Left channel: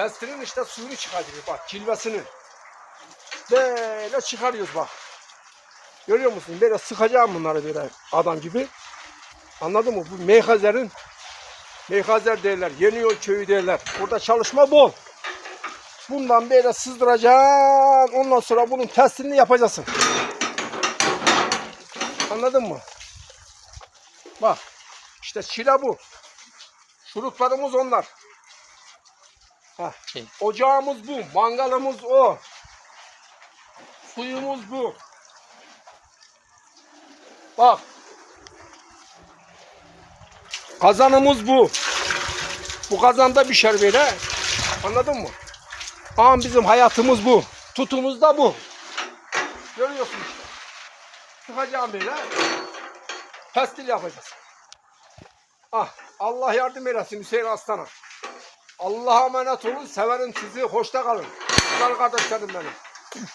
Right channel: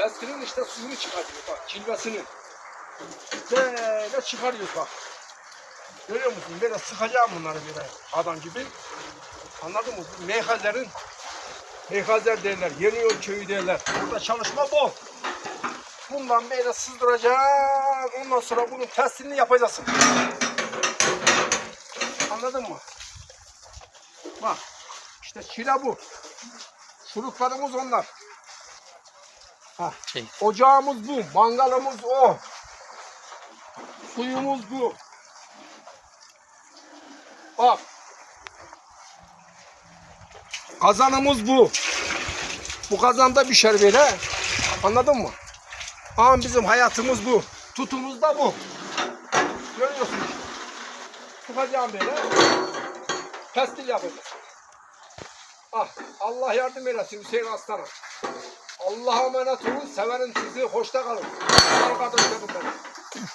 Testinin işte suyunu çıkartıyor bak cilvesini. Böyle çıkarıyoruz bak. Görüyor musun? Böyle sıkacağım bunları böyle adam gibi. Anladın mı? Bu meyhazerin meyhazer derler. Yeniyor köyü derler. Burada çalışma bol. Bundan böyle sızdıracaksın. Ondan sonra bunun testini yapacaksın. Anladın mı? Bak. işte çile bu. Şuruplarımız onlar. Şey, Ocağımız bu. Mangalımız o. Suyumuz bu. Bak. Kazanımız bu. Bu kazanda pişer böyle. Anladın mı? Ama bizim hayatımız bu. Tutumuz da bu. Görüyorsun işte. Çıkacağım böyle. Pestil yapacağız. Ah, Allah yardım eylesin Hüseyin Aslan'a. Allah'a emanet olun. Severim sizi. Hoşça kalın. Güzel kardeşlerim benim.